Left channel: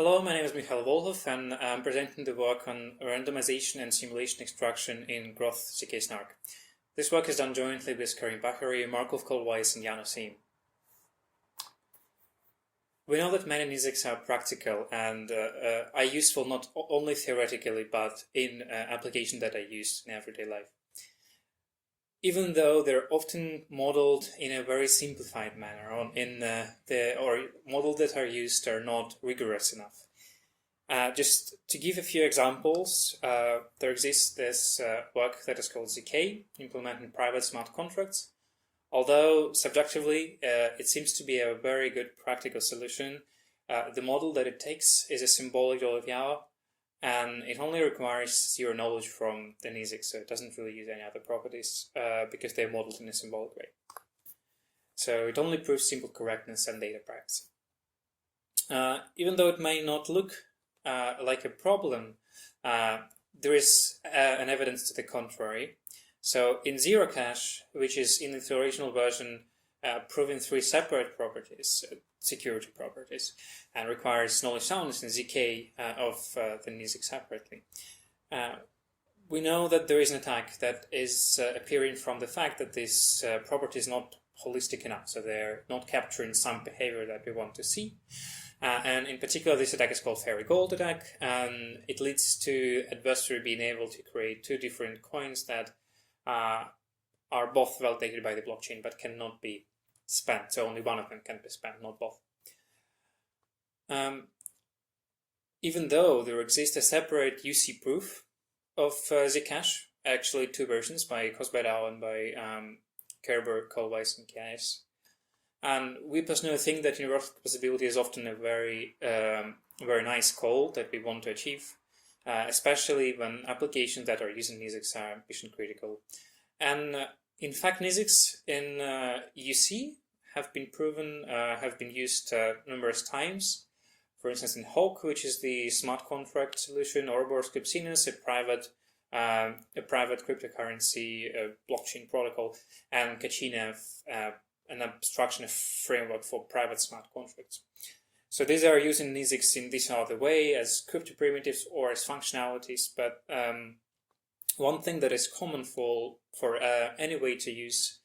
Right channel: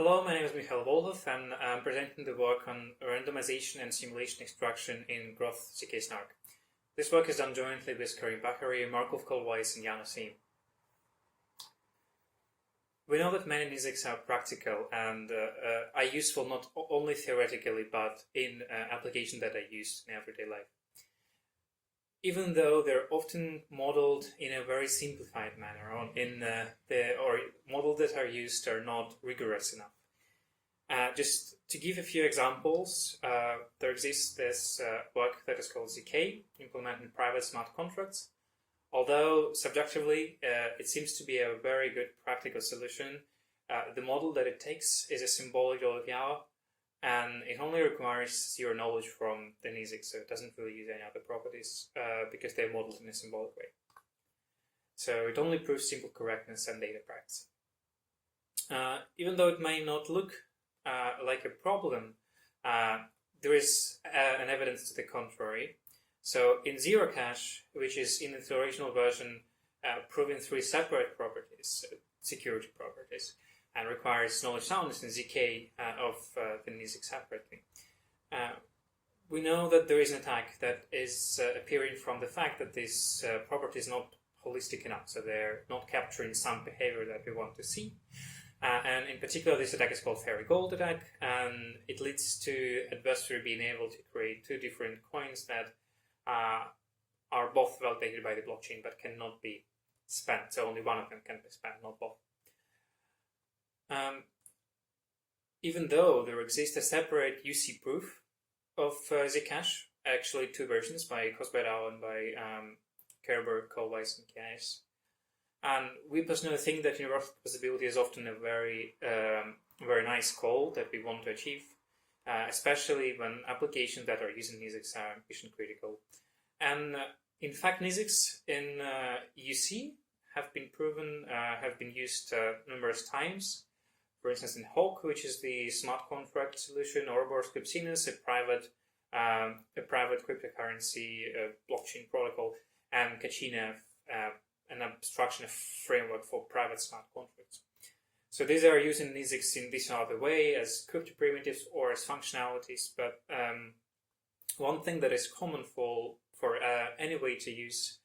Hello, my name is Mikhail Volkhov, and I'm presenting the work on randomization and simulation extraction in Groth zk-SNARK. This work is done jointly with Karim, Baghery, Markulf, Kohlweiss, and Janno, Siim. We know that many NIZKS are practical and are useful not only theoretically, but in applications that are used in everyday life. Even though they're often modeled in a very simplified manner, or models that are used are not rigorous enough. Just to give a few examples, there exists this work that is called zk, implementing private smart contracts. Although subjectively it seems to be a very good practical solution, the model that it takes is a symbolic Yaw, and it only requires zero knowledge from the NIZK, so it doesn't really use any other properties because they're modeled in a symbolic way. So it only proves simple correctness and data privacy. Even though it may not look like a problem, there is an evidence to the contrary. So in zero cache, which is in the original version proving three separate properties, security properties, and requires knowledge soundness and zk of the NIZK separately. We know that there is an attack that is appearing from the fact that this property is not holistic enough, so they're not capturing some behavior that we want to see. And in particular, this attack is called fairy gold attack, and it leads to adversary being able to create two different coins that are both validated by the blockchain but cannot be spent. So only one of them can be spent, not both. Even though there exists a separate UC proof of zk-cache, actually two versions by Kosberg and by Karim, Kohlweiss, and KS. And we personally think that universal composability is often a very nice goal that we want to achieve, especially when applications that are using NIZKS are mission critical. And in fact, NIZKS in UC have been proven, have been used numerous times. For instance, in HOC, which is the smart contract solution, Ouroboros Cryptography, a private cryptocurrency blockchain protocol, and Kachina, an abstraction framework for private smart contracts. So these are using NIZKS in this other way as crypto primitives or as functionalities. But one thing that is common for any way to use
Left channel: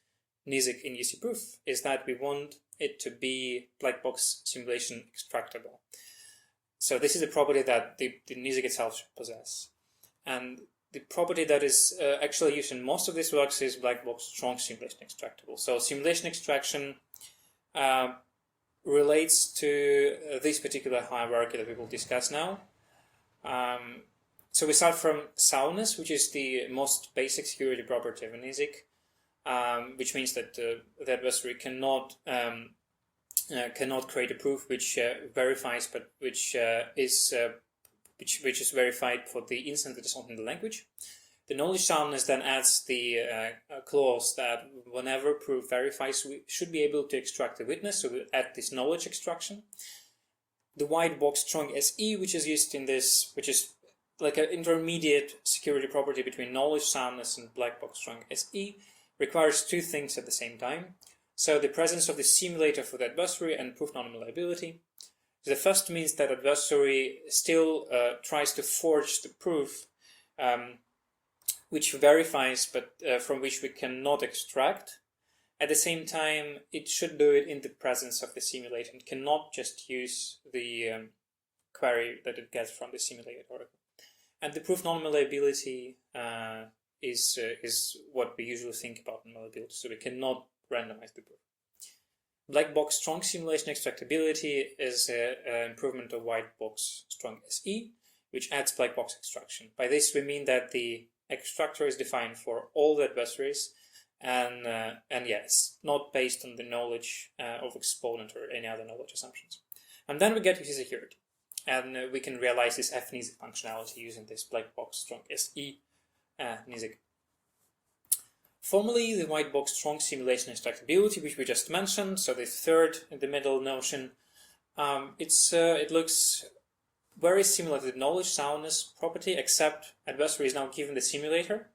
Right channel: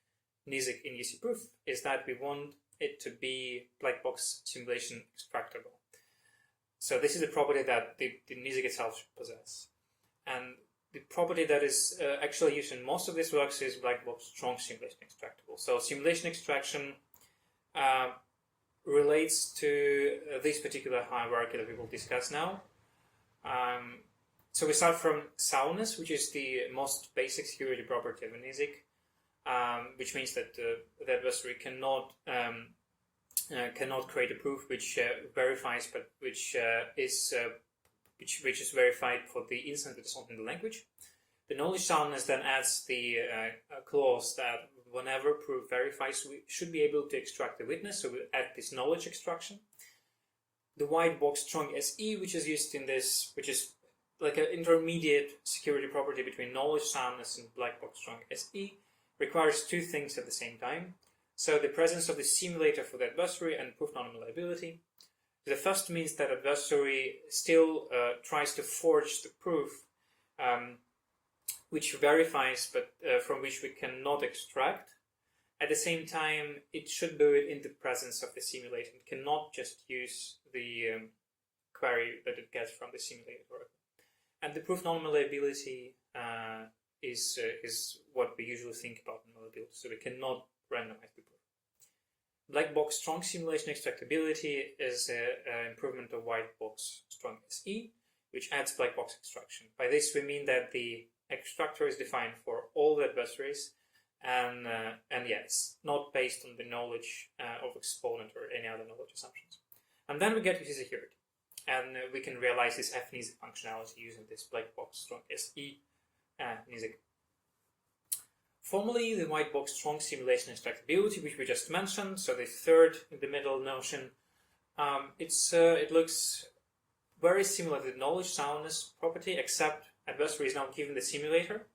NIZK in UC proof is that we want it to be black box simulation extractable. So this is a property that the NIZK itself should possess. And the property that is actually used in most of these works is black box strong simulation extractable. So simulation extraction relates to this particular hierarchy that we will discuss now. So we start from soundness, which is the most basic security property of a NIZK, which means that the adversary cannot create a proof which verifies, but which is verified for the instance that is not in the language. The knowledge soundness then adds the clause that whenever proof verifies, we should be able to extract a witness, so we add this knowledge extraction. The white box strong SE, which is used in this, which is like an intermediate security property between knowledge soundness and black box strong SE, requires two things at the same time. So the presence of the simulator for the adversary and proof non-malleability. The first means that adversary still tries to forge the proof which verifies, but from which we cannot extract. At the same time, it should do it in the presence of the simulator. It cannot just use the query that it gets from the simulated oracle. And the proof non-malleability is what we usually think about in malleability. So we cannot randomize the proof. Black box strong simulation extractability is an improvement of white box strong SE, which adds black box extraction. By this we mean that the extractor is defined for all the adversaries, and yes, not based on the knowledge of exponent or any other knowledge assumptions. And then we get to security, and we can realize this FNIZK functionality using this black box strong SE NIZK. Formally, the white box strong simulation extractability, which we just mentioned, so the third in the middle notion, it looks very similar to the knowledge soundness property, except adversary is now given the simulator.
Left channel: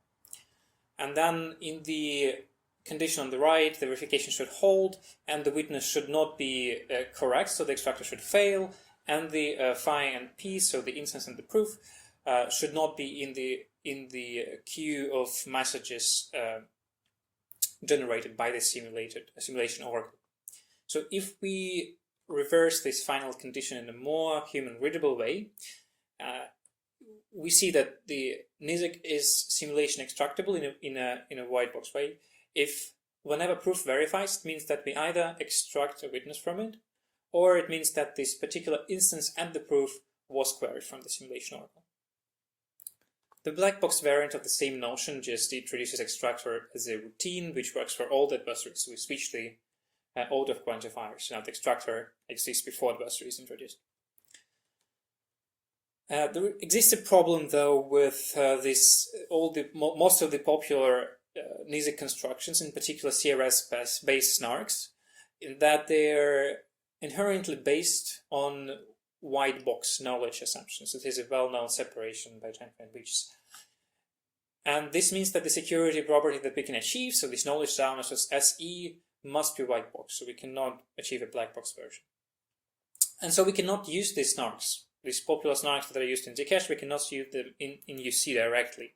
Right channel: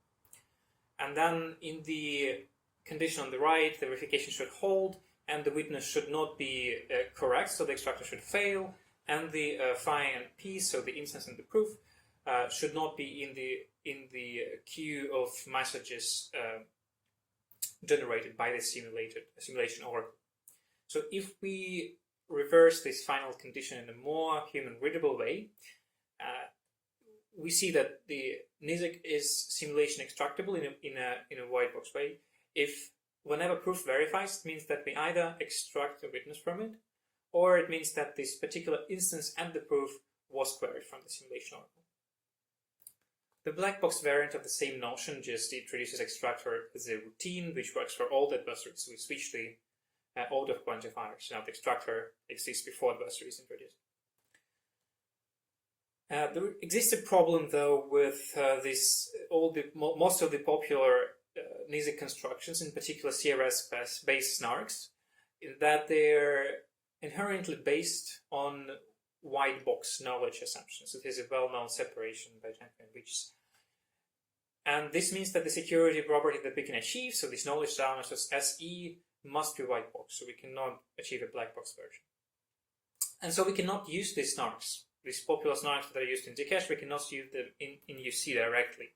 And then in the condition on the right, the verification should hold, and the witness should not be correct, so the extractor should fail, and the phi and p, so the instance and the proof, should not be in the queue of messages generated by the simulation oracle. So if we reverse this final condition in a more human-readable way, we see that the NIZK is simulation extractable in a white box way. If whenever proof verifies, it means that we either extract a witness from it, or it means that this particular instance and the proof was queried from the simulation oracle. The black box variant of the same notion just introduces extractor as a routine which works for all the adversaries. So we switch the order of quantifiers. Now the extractor exists before the adversary is introduced. There exists a problem though with most of the popular NIZK constructions, in particular CRS-based SNARKs, in that they're inherently based on white box knowledge assumptions. It is a well-known separation by Janno and Beaches. And this means that the security property that we can achieve, so this knowledge soundness as SE, must be white box, so we cannot achieve a black box version. And so we cannot use these SNARKs, these popular SNARKs that are used in zk-SNARK, we cannot use them in UC directly.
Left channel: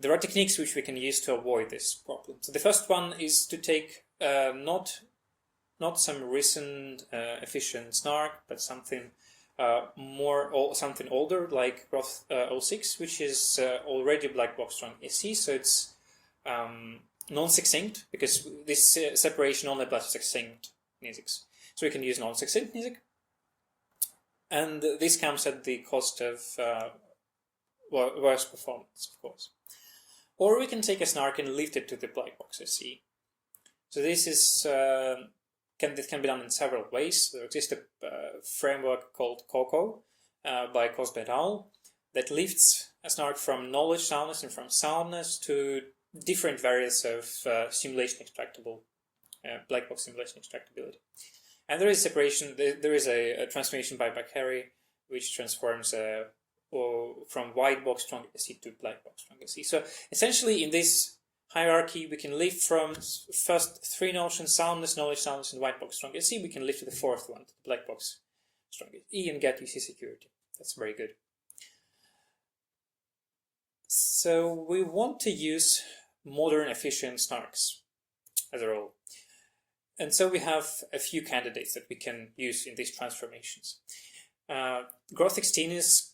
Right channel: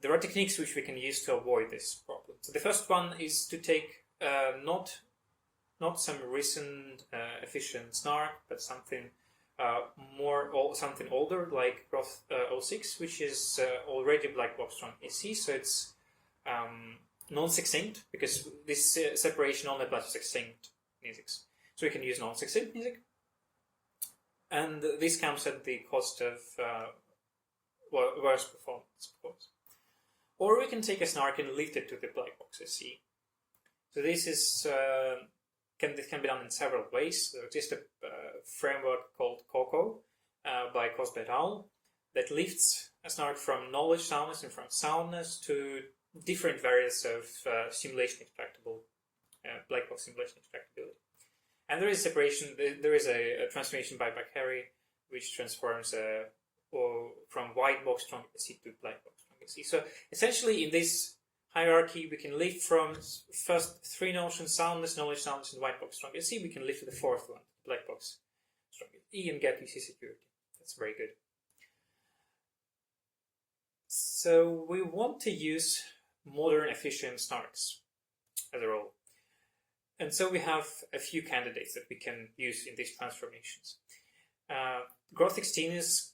There are techniques which we can use to avoid this problem. So the first one is to take not some recent efficient SNARK, but something something older like Groth16, which is already black box strong SE. So it's non-succinct, because this separation only applies to succinct NIZKs. So we can use non-succinct NIZK, and this comes at the cost of worse performance, of course. Or we can take a SNARK and lift it to the black box SE. So this is can be done in several ways. There exists a framework called COCO by Cosby et al. That lifts a SNARK from knowledge soundness and from soundness to different variants of simulation extractable, black box simulation extractability. And there is separation. There is a transformation by Baghery which transforms from white box strong SE to black box strong SE. So essentially, in this hierarchy, we can lift from first three notions: soundness, knowledge soundness, and white box strong SE. We can lift to the fourth one, black box strong SE, and get UC security. That's very good. So we want to use modern efficient SNARKs as a rule. And so we have a few candidates that we can use in these transformations. Groth16 is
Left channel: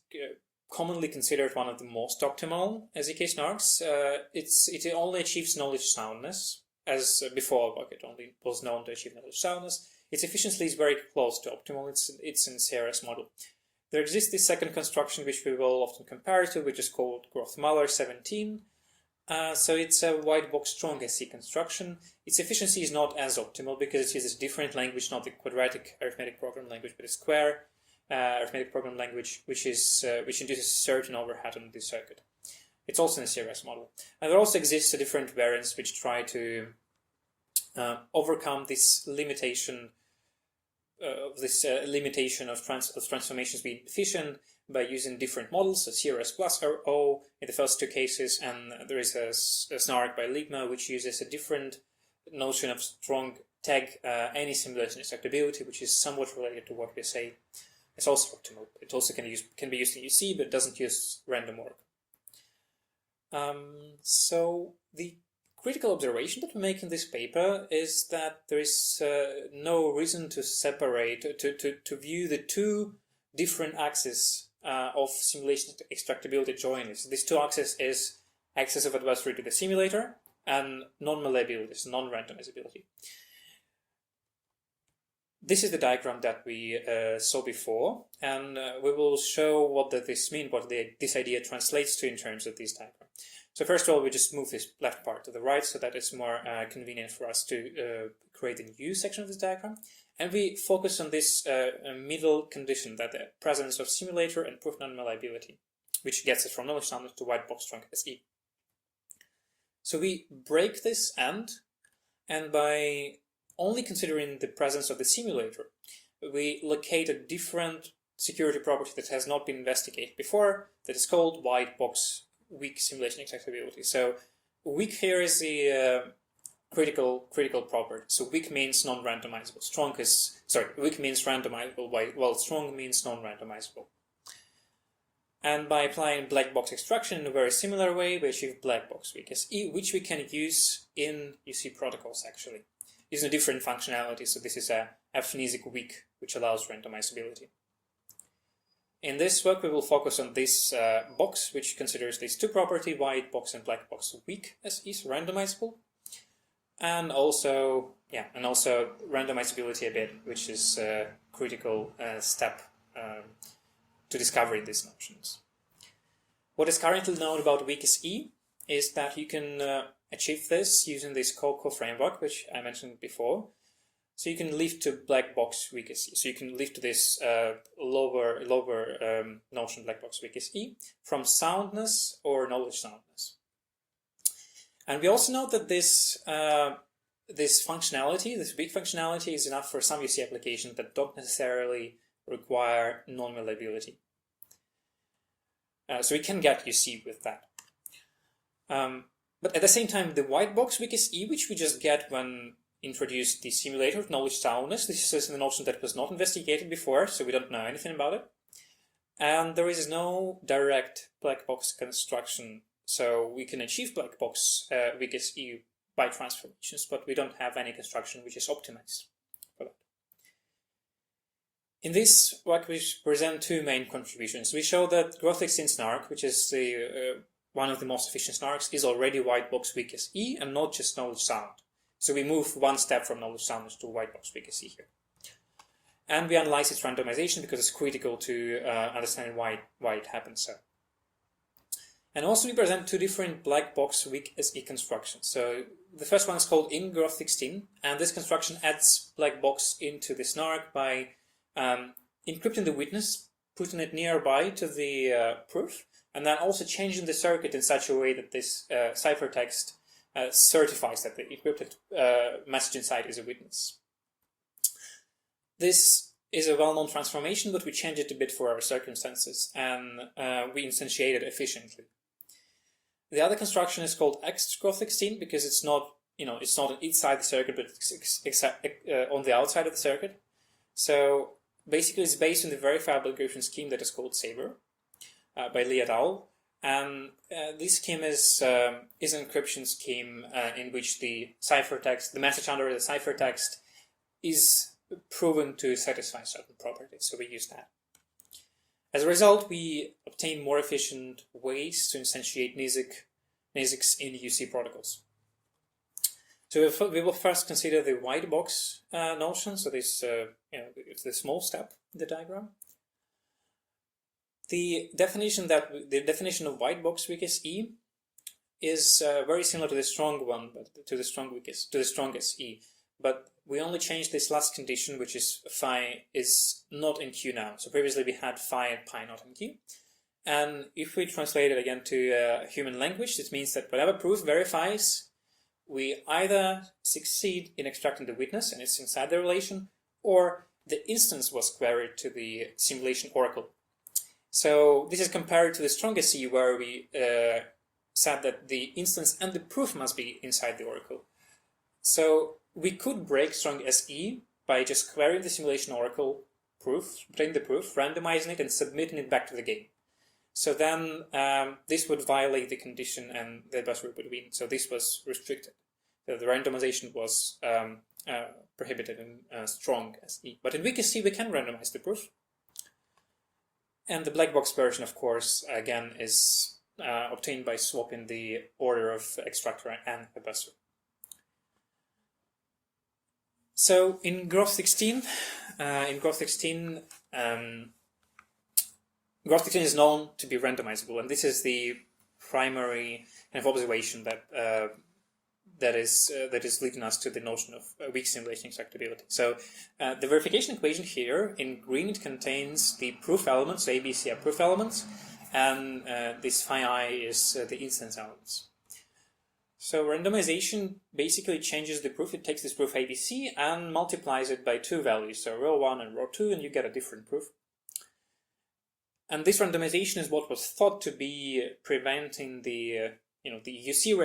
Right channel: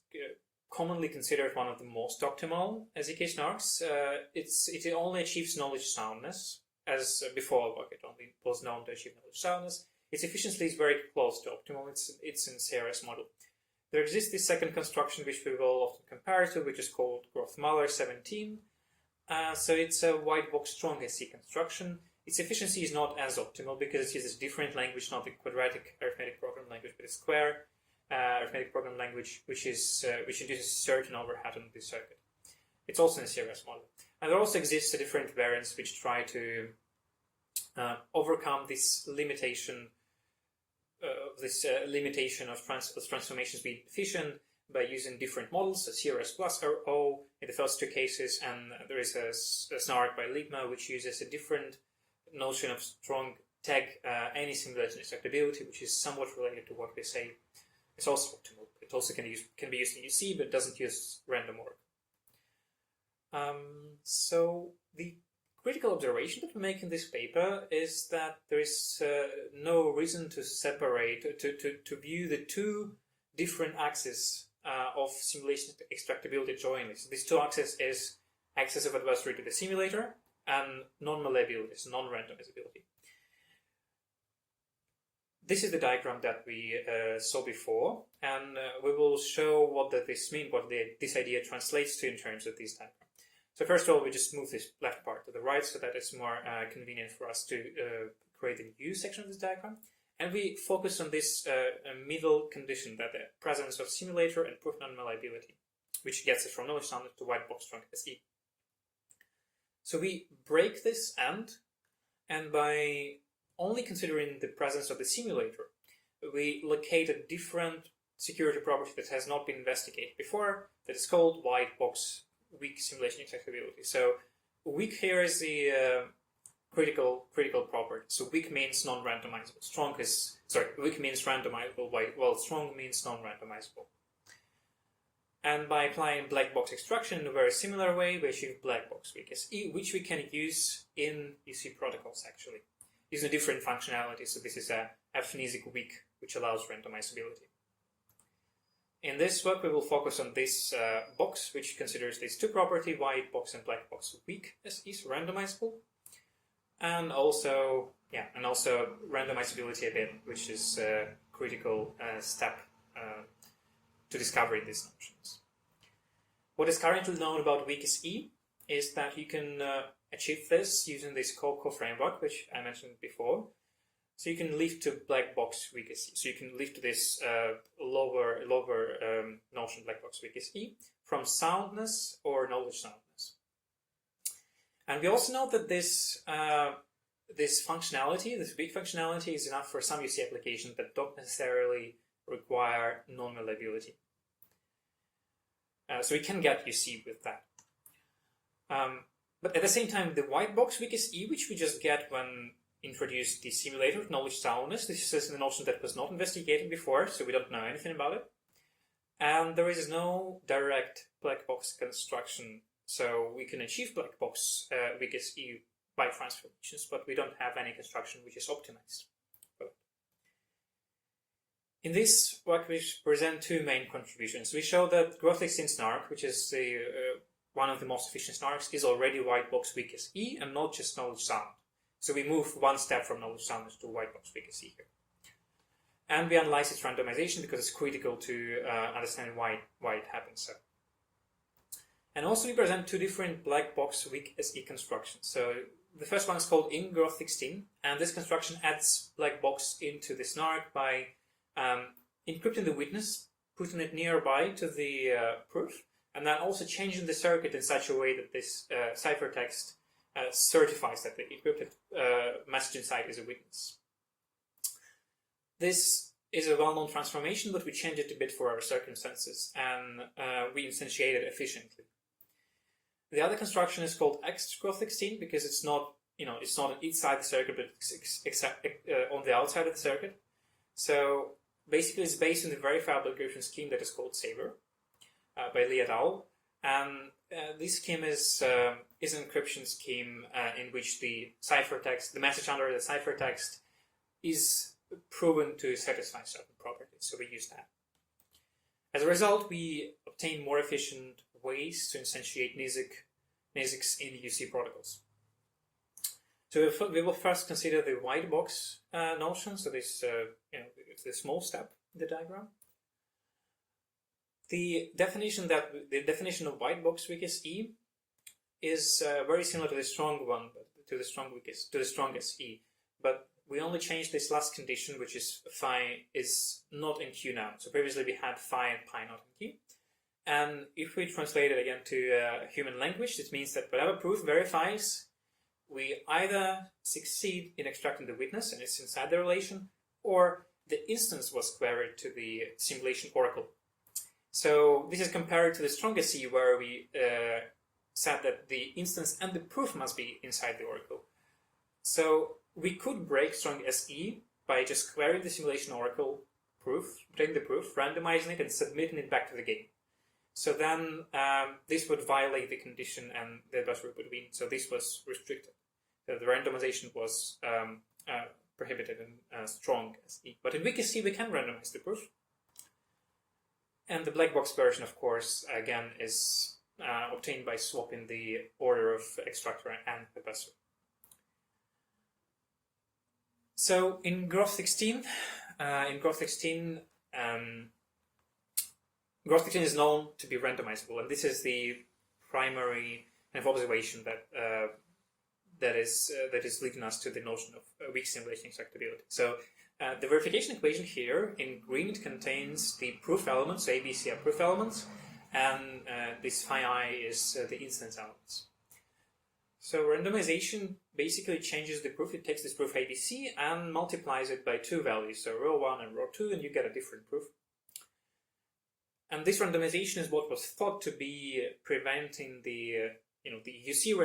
commonly considered one of the most optimal zk-SNARKs. It only achieves knowledge soundness, as before it only was known to achieve knowledge soundness. Its efficiency is very close to optimal. It's in CRS model. There exists this second construction which we will often compare to, which is called Groth-17. So it's a white box strong SE construction. Its efficiency is not as optimal because it uses a different language, not the quadratic arithmetic program language, but a square arithmetic program language, which induces certain overhead on the circuit. It's also in a CRS model. And there also exists a different variants which try to overcome this limitation of transformations being efficient by using different models, so CRS plus or O in the first two cases, and there is a SNARK by Ligma which uses a different notion of strong tag any simulation extractability, which is somewhat related to what we say. It's also optimal. It also can be used in UC, but doesn't use random work. So the critical observation that we make in this paper is that there is no reason to separate, to view the two different axes of simulation extractability jointly. So these two axes is access of adversary to the simulator and non-malleability, so non-randomizability. This is the diagram that we saw before, and we will show what this means, what this idea translates to in terms of this diagram. So first of all, we just move this left part to the right so that it's more convenient for us to create a new section of this diagram. And we focus on this middle condition, that the presence of simulator and proof non-malleability, which gets us from knowledge soundness to white box strong SE. So we break this and by only considering the presence of the simulator, we locate a different security property that has not been investigated before, that is called white box weak simulation extractability. So weak here is the critical property. So weak means non-randomizable. Weak means randomizable, while strong means non-randomizable. And by applying black box extraction in a very similar way, we achieve black box weak SE, which we can use in UC protocols actually, using a different functionality. So this is a NIZK weak, which allows randomizability. In this work, we will focus on this box, which considers these two properties, white box and black box weak SEs, randomizable, and also randomizability a bit, which is a critical step to discovering these notions. What is currently known about weak SE is that you can achieve this using this CoCo framework, which I mentioned before. So you can lift to black box weak SE. So you can lift to this lower notion black box weak SE from soundness or knowledge soundness. And we also know that this functionality, this weak functionality, is enough for some UC applications that don't necessarily require non-malleability. So we can get UC with that. But at the same time, the white box weak SE, which we just get when introduced the simulator of knowledge soundness, this is a notion that was not investigated before, so we don't know anything about it. And there is no direct black box construction, so we can achieve black box weak SE by transformations, but we don't have any construction which is optimized for that. In this work, we present two main contributions. We show that Groth16 SNARK, which is one of the most efficient SNARKs, is already white box weak SE and not just knowledge sound. So we move one step from knowledge soundness to white box weak SE here. And we analyze its randomization because it's critical to understand why it happens so. And also we present two different black box weak SE constructions. So the first one is called in Groth16, and this construction adds black box into the SNARK by encrypting the witness, putting it nearby to the proof, and then also changing the circuit in such a way that this ciphertext certifies that the encrypted message inside is a witness. This is a well-known transformation, but we change it a bit for our circumstances, and we instantiate it efficiently. The other construction is called X-Groth16 because it's not on inside the circuit, but except on the outside of the circuit. So basically, it's based on the verifiable encryption scheme that is called Saber by Lee et al. And this scheme is an encryption scheme in which the ciphertext, the message under the ciphertext, is proven to satisfy certain properties. So we use that. As a result, we obtain more efficient ways to instantiate NIZKS in UC protocols. So we will first consider the white box notion. So this it's the small step in the diagram. The definition of white box weak SE is very similar to the strong one, but to the strong SE. But we only change this last condition, which is phi is not in Q now. So previously we had phi and pi not in Q. And if we translate it again to human language, it means that whatever proof verifies, we either succeed in extracting the witness and it's inside the relation, or the instance was queried to the simulation oracle. So this is compared to the strong SE, where we said that the instance and the proof must be inside the oracle. So we could break strong SE by just querying the simulation oracle proof, obtain the proof, randomizing it, and submitting it back to the game. So then this would violate the condition and the bus would win. So this was restricted. So the randomization was prohibited in strong SE. But in weak SE, we can randomize the proof. And the black box version, of course, again, is obtained by swapping the order of extractor and buzzer. So in Groth16, Groth16 is known to be randomizable, and this is the primary kind of observation that is leading us to the notion of weak simulation extractability. So the verification equation here in green, it contains the proof elements, ABC are proof elements, and this phi I is the instance elements. So randomization basically changes the proof. It takes this proof ABC and multiplies it by two values, so row 1 and row 2, and you get a different proof. And this randomization is what was thought to be preventing the the UC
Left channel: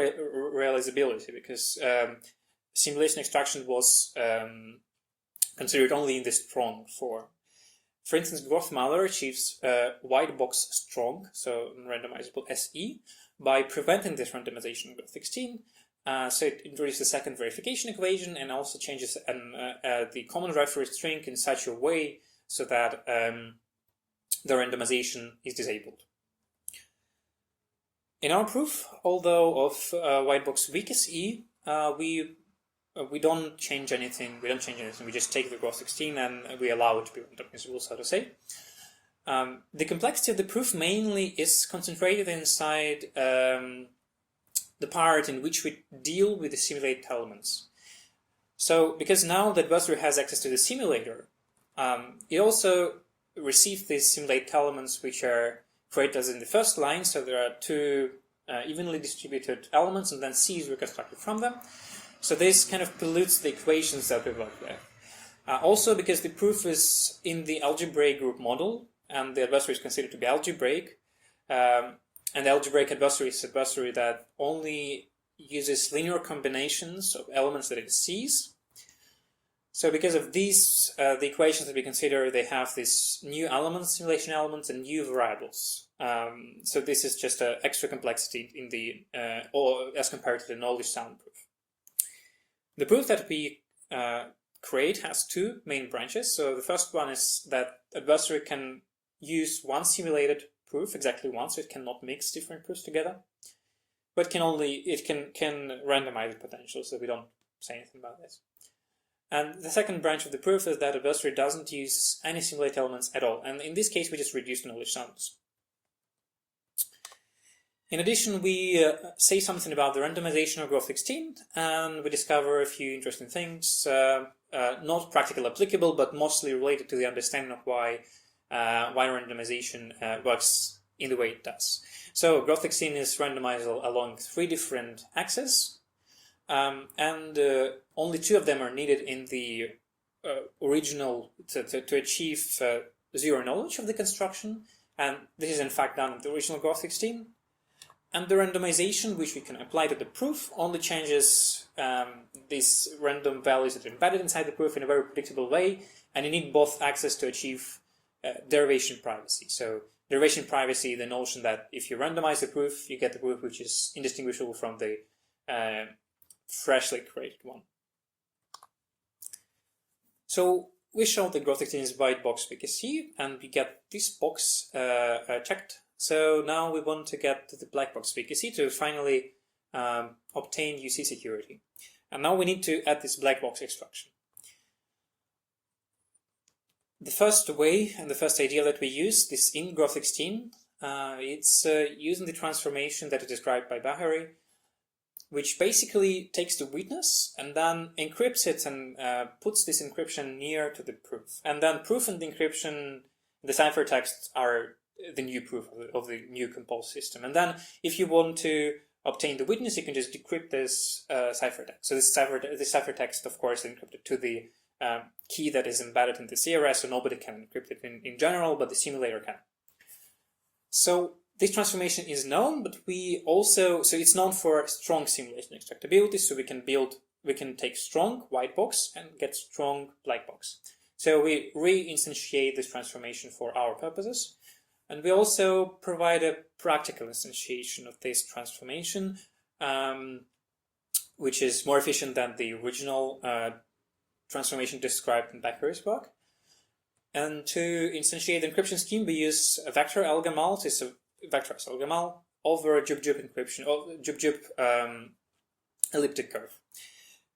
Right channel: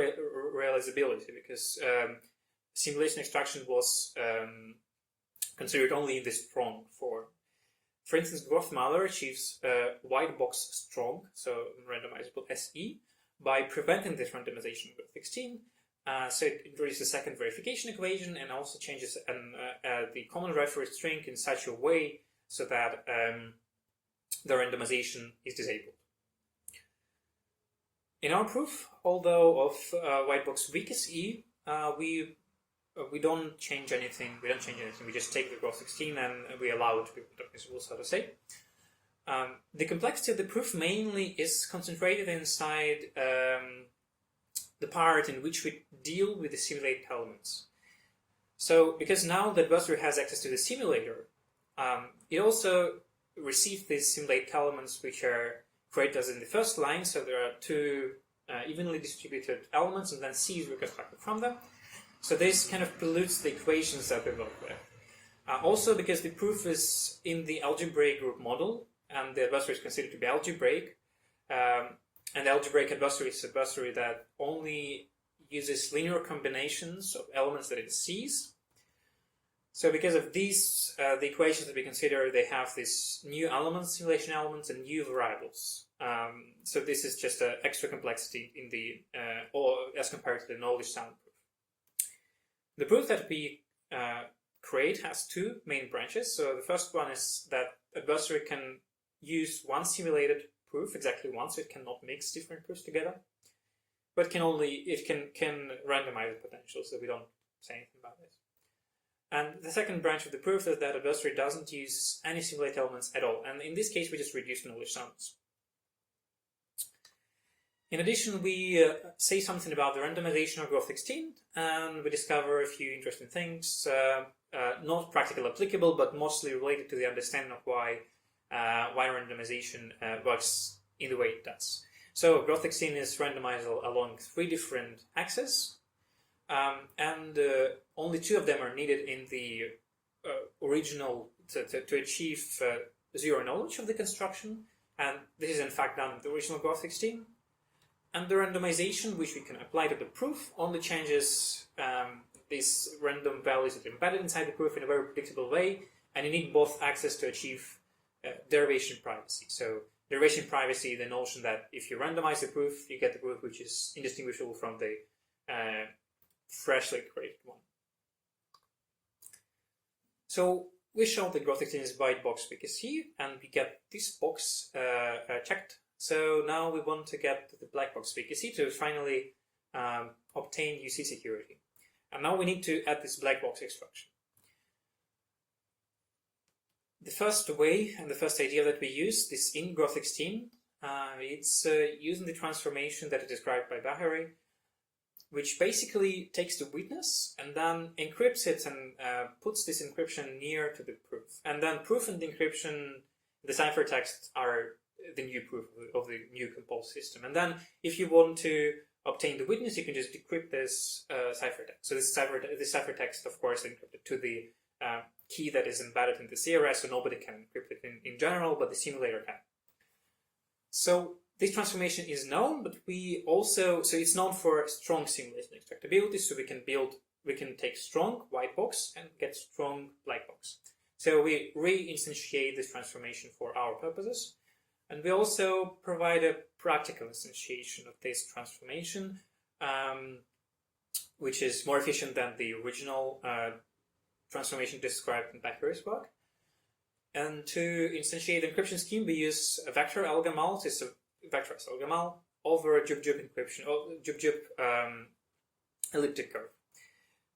realizability, because simulation extraction was considered only in the strong form. For instance, Groth malware achieves white box strong, so randomizable SE, by preventing this randomization of Groth16. So it introduces a second verification equation and also changes the common reference string in such a way so that the randomization is disabled. In our proof, although of white box weak SE, we don't change anything. We just take the Groth16 and we allow it to be randomizable, so to say. The complexity of the proof mainly is concentrated inside the part in which we deal with the simulated elements. So, because now the adversary has access to the simulator, it also receives these simulated elements which are created as in the first line. So there are two evenly distributed elements, and then C is reconstructed from them. So this kind of pollutes the equations that we work with. Also, because the proof is in the algebraic group model, and the adversary is considered to be algebraic, and the algebraic adversary is an adversary that only uses linear combinations of elements that it sees. So because of these, the equations that we consider, they have these new elements, simulation elements, and new variables. So this is just an extra complexity in the, or as compared to the knowledge sound proof. The proof that we create has two main branches. So the first one is that adversary can use one simulated proof exactly once, so it cannot mix different proofs together. But it can randomize the potential, so we don't say anything about this. And the second branch of the proof is that adversary doesn't use any simulated elements at all. And in this case, we just reduce knowledge sums. In addition, we say something about the randomization of Groth16, and we discover a few interesting things, not practically applicable, but mostly related to the understanding of why randomization works in the way it does. So Groth16 is randomizable along 3 different axes, and only 2 of them are needed in the original to achieve zero knowledge of the construction, and this is in fact done in the original Groth16. And the randomization, which we can apply to the proof, only changes these random values that are embedded inside the proof in a very predictable way, and you need both axes to achieve derivation privacy. So derivation privacy, the notion that if you randomize the proof, you get the proof which is indistinguishable from the freshly created one. So we show that Groth16 is white box VKC, and we get this box checked. So now we want to get to the black box VKC to finally obtain UC security. And now we need to add this black box extraction. The first way and the first idea that we use this in Groth16, it's using the transformation that is described by Baghery, which basically takes the witness and then encrypts it and puts this encryption near to the proof. And then proof and the encryption, the ciphertext are the new proof of the new composed system. And then if you want to obtain the witness, you can just decrypt this ciphertext. So this ciphertext, of course, is encrypted to the key that is embedded in the CRS, so nobody can encrypt it in general, but the simulator can. So this transformation is known, but we also, so it's known for strong simulation extractability, so we can take strong white box and get strong black box. So we re-instantiate this transformation for our purposes. And we also provide a practical instantiation of this transformation, which is more efficient than the original transformation described in Baghery's work. And to instantiate the encryption scheme, we use a vector algamal. It's a vector algamal over a jub-jub encryption, or jub-jub elliptic curve.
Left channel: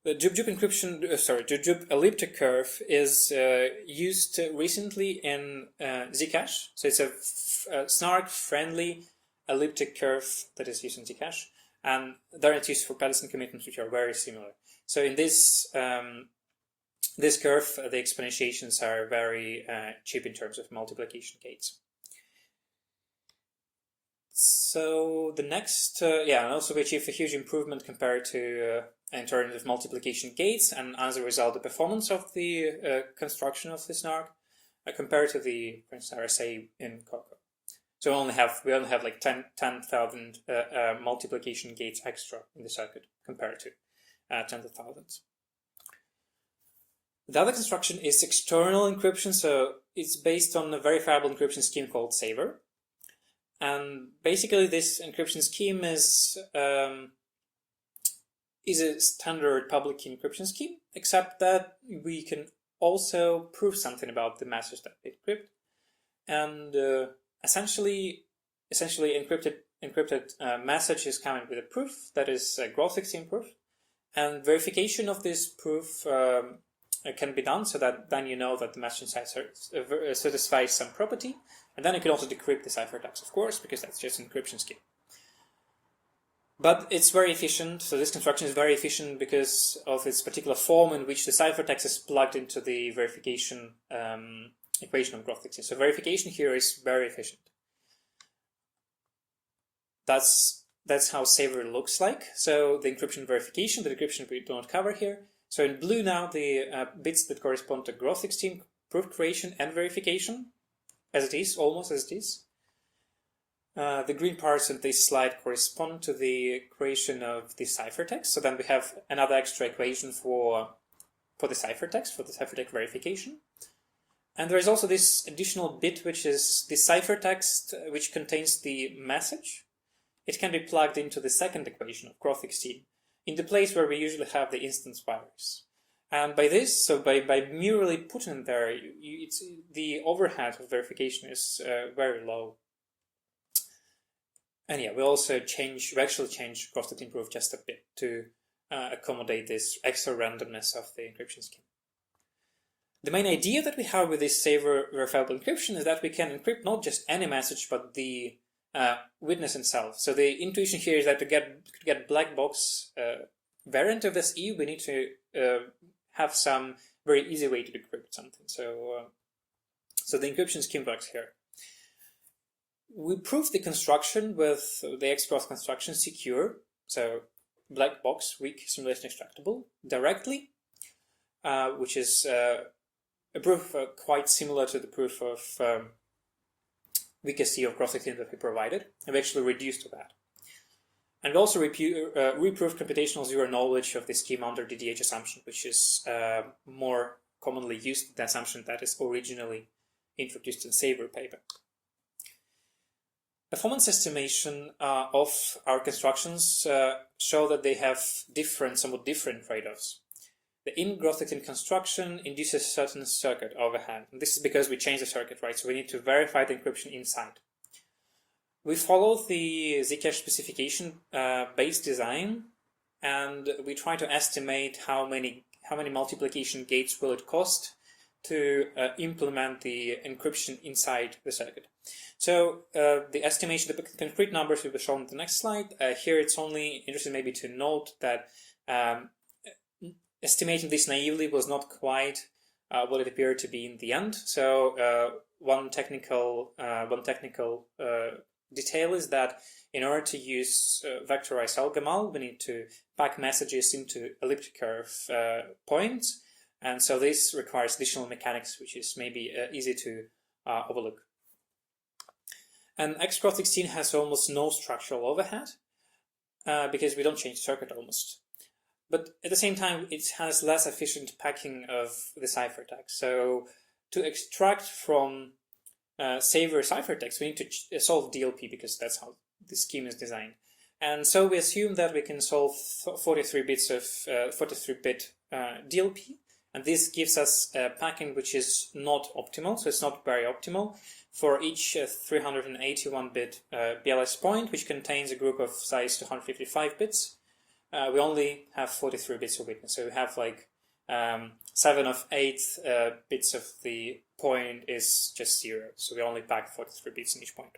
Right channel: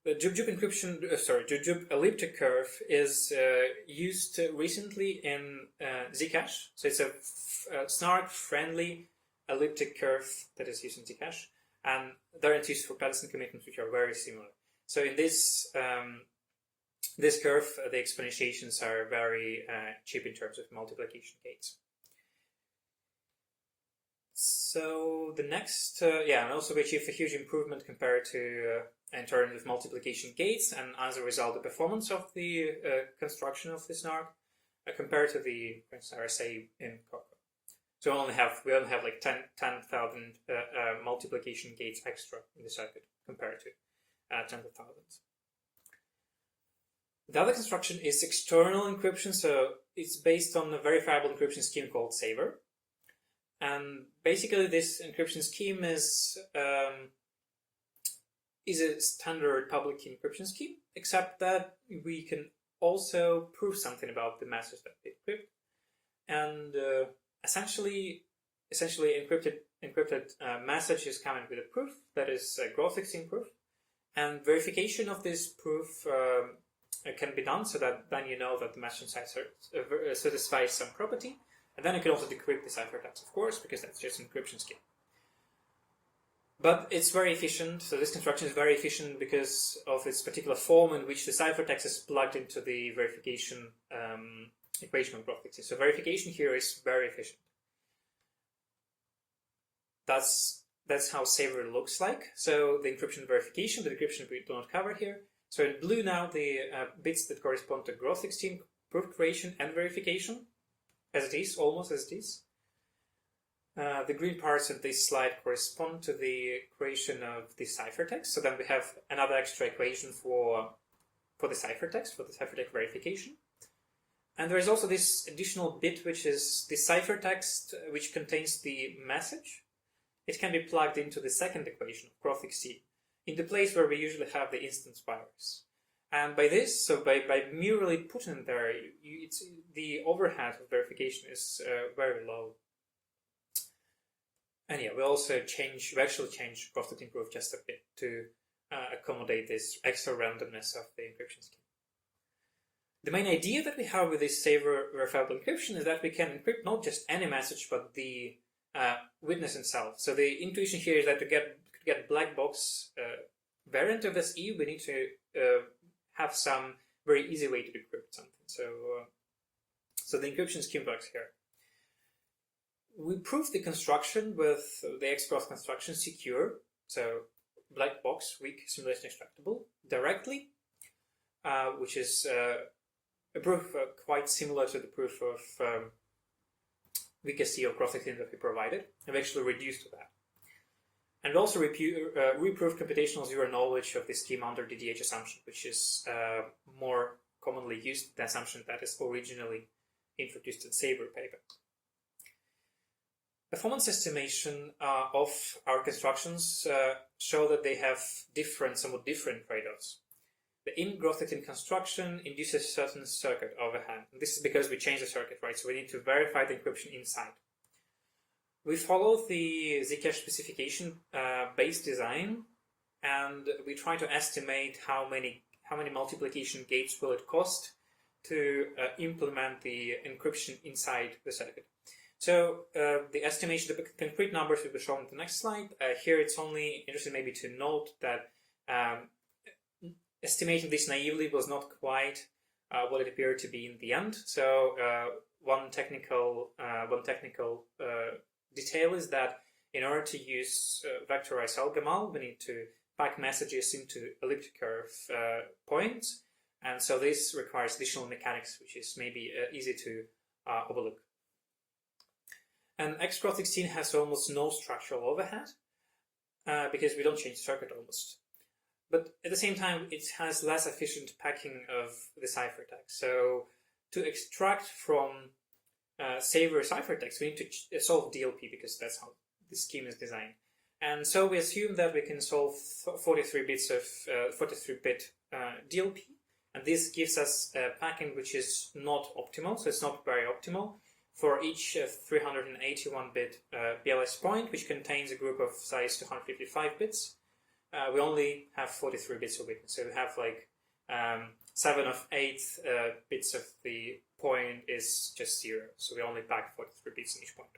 The jub-jub elliptic curve is used recently in zk-SNARK. So it's a SNARK-friendly elliptic curve that is used in zk-SNARK, and there it's used for Peterson commitments, which are very similar. So in this this curve, the exponentiations are very cheap in terms of multiplication gates. So the next, and also we achieve a huge improvement compared to in terms of multiplication gates, and as a result, the performance of the construction of the SNARK compared to the, for instance, RSA in Coco. So we only have like 10,000 multiplication gates extra in the circuit compared to tens of thousands. The other construction is external encryption, so it's based on a verifiable encryption scheme called Saver. And basically this encryption scheme is a standard public key encryption scheme, except that we can also prove something about the message that we encrypt. And essentially encrypted message is coming with a proof that is a Groth16 proof, and verification of this proof can be done so that then you know that the message satisfies some property, and then you can also decrypt the ciphertext, of course, because that's just an encryption scheme. But it's very efficient, so this construction is very efficient because of its particular form in which the ciphertext is plugged into the verification equation of Groth16. So verification here is very efficient. That's how Saver looks like. So the encryption verification, the decryption we do not cover here. So in blue now the bits that correspond to Groth16 proof creation and verification, as it is, almost as it is. The green parts in this slide correspond to the creation of the ciphertext. So then we have another extra equation for the ciphertext, for the ciphertext verification. And there is also this additional bit, which is the ciphertext, which contains the message. It can be plugged into the second equation of Groth16, in the place where we usually have the instance virus. And by this, so by merely putting it there, the overhead of verification is very low. And yeah, we actually change Groth16 proof just a bit to accommodate this extra randomness of the encryption scheme. The main idea that we have with this Saver verifiable encryption is that we can encrypt not just any message, but the witness itself. So the intuition here is that to get black box variant of SE, we need to have some very easy way to decrypt something. So the encryption scheme works here. We prove the construction with the X-Groth construction secure, so black box, weak, simulation extractable, directly, which is a proof quite similar to the proof of zk-SNARK of Groth16 that we provided, and we actually reduced to that. And we also reproved computational zero knowledge of the scheme under DDH assumption, which is more commonly used, the assumption that is originally introduced in Saver paper. Performance estimation of our constructions show that they have somewhat different trade-offs. The in-Groth16 construction induces a certain circuit overhead. And this is because we change the circuit, right? So we need to verify the encryption inside. We follow the Zcash specification based design, and we try to estimate how many multiplication gates will it cost to implement the encryption inside the circuit. So the estimation, the concrete numbers will be shown in the next slide. Here it's only interesting maybe to note that estimating this naively was not quite what it appeared to be in the end. So one technical detail is that in order to use vectorized algomal, we need to pack messages into elliptic curve points, and so this requires additional mechanics, which is maybe easy to overlook. And Groth16 has almost no structural overhead because we don't change the circuit almost. But at the same time, it has less efficient packing of the ciphertext. So to extract from Saver ciphertext, we need to solve DLP because that's how the scheme is designed. And so we assume that we can solve 43 bits of 43-bit DLP, and this gives us a packing which is not optimal, so it's not very optimal. For each 381-bit BLS point, which contains a group of size 255 bits, we only have 43 bits of witness. So we have like 7 of 8 bits of the point is just 0. So we only pack 43 bits in each point.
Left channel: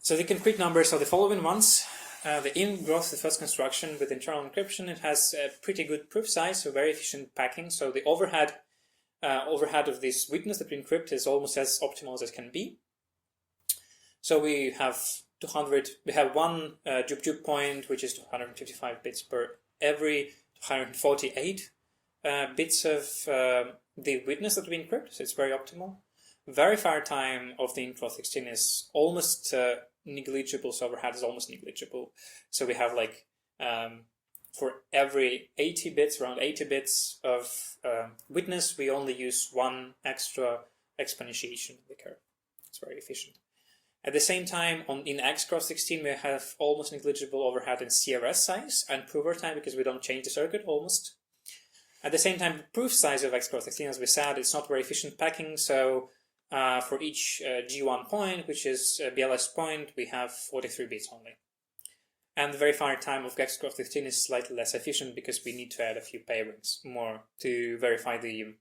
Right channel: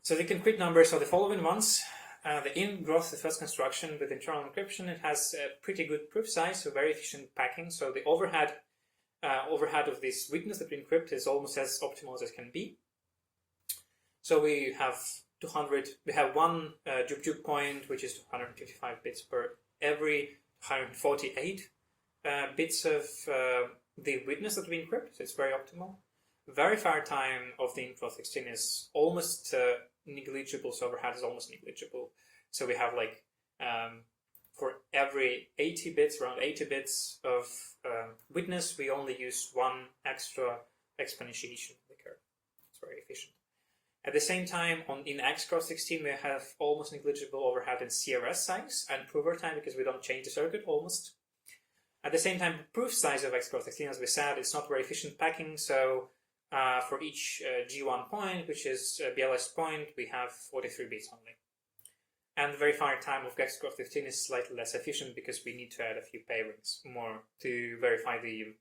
So the concrete numbers are the following ones. The in-Groth, the first construction with internal encryption, it has a pretty good proof size, so very efficient packing. So the overhead of this witness that we encrypt is almost as optimal as it can be. So we have one juke point, which is 255 bits per every 248 bits of the witness that we encrypt, so it's very optimal. Verifier time of the Groth16 is almost negligible, so overhead is almost negligible. So we have like for every 80 bits, around 80 bits of witness, we only use one extra exponentiation of the curve. It's very efficient. At the same time, in Groth16, we have almost negligible overhead in CRS size and prover time because we don't change the circuit almost. At the same time, the proof size of Groth16, as we said, it's not very efficient packing. So for each G1 point, which is a BLS point, we have 43 bits only. And the verifier time of Groth16 is slightly less efficient because we need to add a few pairings more to verify the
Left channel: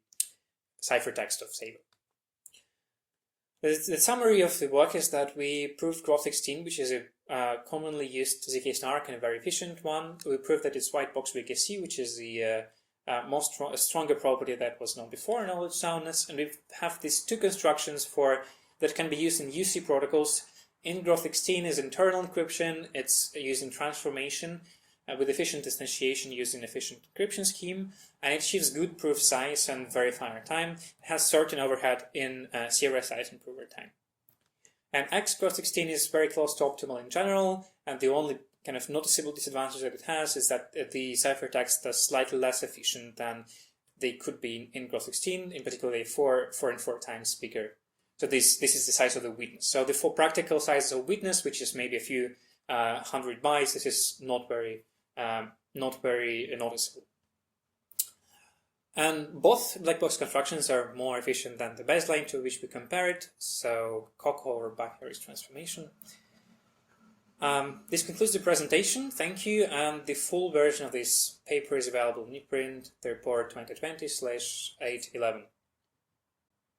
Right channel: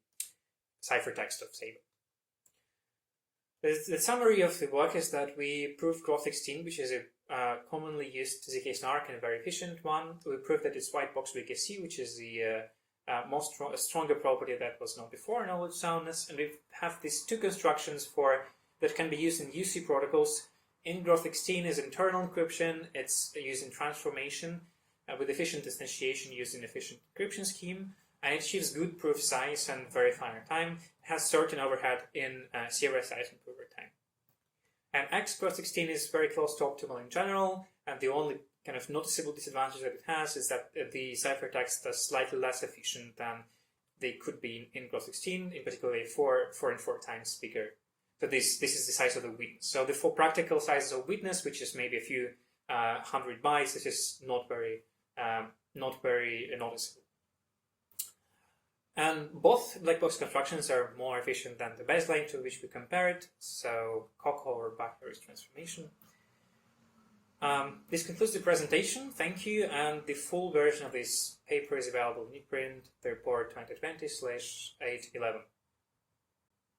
ciphertext of Saber. The summary of the work is that we proved Groth16, which is a commonly used zk-SNARK and a very efficient one. We proved that it's white box VKC, which is the stronger property that was known before, knowledge soundness. And we have these two constructions that can be used in UC protocols. In Groth16 is internal encryption. It's using transformation with efficient instantiation using efficient encryption scheme. And it achieves good proof size and verifier time. It has certain overhead in CRS size and prover time. And Groth16 is very close to optimal in general, and the only kind of noticeable disadvantage that it has is that the ciphertext is slightly less efficient than they could be in Groth16, in particular 4 and 4 times bigger. So this is the size of the witness. So the 4 practical sizes of witness, which is maybe a few 100 bytes, this is not very noticeable. And both black box constructions are more efficient than the baseline to which we compared, so Kohlweiss or Baghery's transformation. This concludes the presentation. Thank you, and the full version of this paper is available in ePrint, the report 2020/811.